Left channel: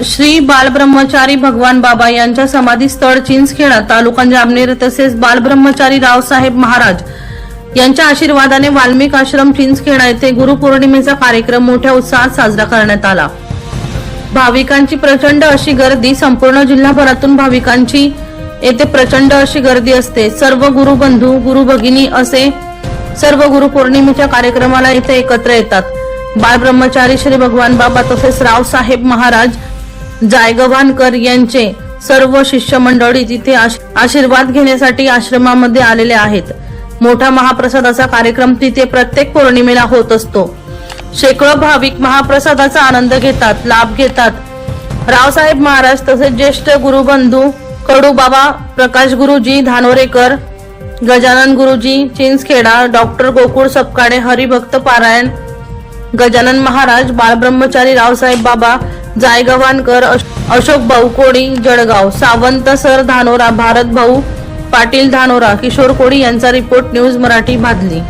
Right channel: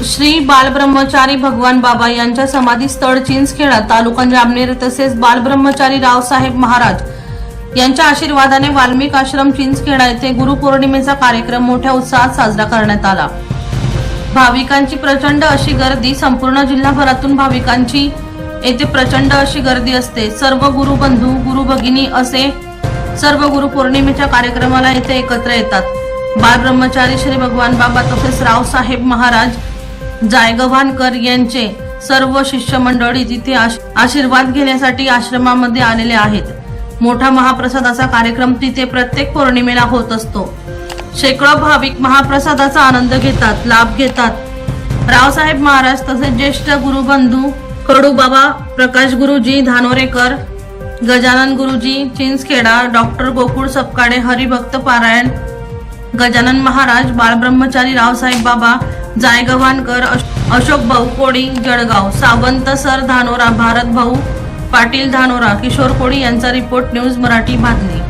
श्री बालब्रह्मचारी भगवान बाबा यांच्या समाधी स्थळ चिंचखेडा तालुका जामनेर तसेच बालब्रह्मचारी रावसाहेब महाराज यांच्या आशीर्वादाने वाल्मिक आश्रम चिंचखेडा येथे गुरुपौर्णिमेचा कार्यक्रम मोठ्या उत्साहात साजरा करण्यात आला. भाविकांची प्रचंड अशी गर्दी संपूर्ण जिल्हाभरातून भाविकांची येथे प्रचंड अशी गर्दी असते. सर्व गुरुबंधू गुरु भगिनी असे सर्व गुरु पौर्णिमेच्या कार्यक्रमाला इथे एकत्र येतात. बाल ब्रह्मचारी श्री भगवान बाबा तसेच रावसाहेब महाराज जायगव्हाणकर यांचे सर्व शिष्यमंडळी तिथे आशीर्वाद घेण्यासाठी आश्रमामध्ये आलेले आहेत. मोठा महाप्रसादाचा कार्यक्रम तिथे प्रत्येक पौर्णिमेला होत असतो. शेकडो भाविक महाप्रसादाचा आनंद घेतात लाभ घेतात. रावसाहेब महाराज तसेच ज्येष्ठ गुरुबंधू कडू बाबा प्रकाश गुरुजी धानोरेकर गजानन गुरुजी चिंचखेडा डॉक्टर गोकुळ सपकाळे हरिभक्त पारायण गजानन महाराज बाळब्रह्मचारी रावसाहेब बाबा जायगव्हाणकर अश- अशोक भाऊ कोळी जळगाव सावंत सर धानोरा भारत भाऊ पाटील धानोरा किशोर कोळी यांचा रिपोर्ट न्यूज मराठी भादली.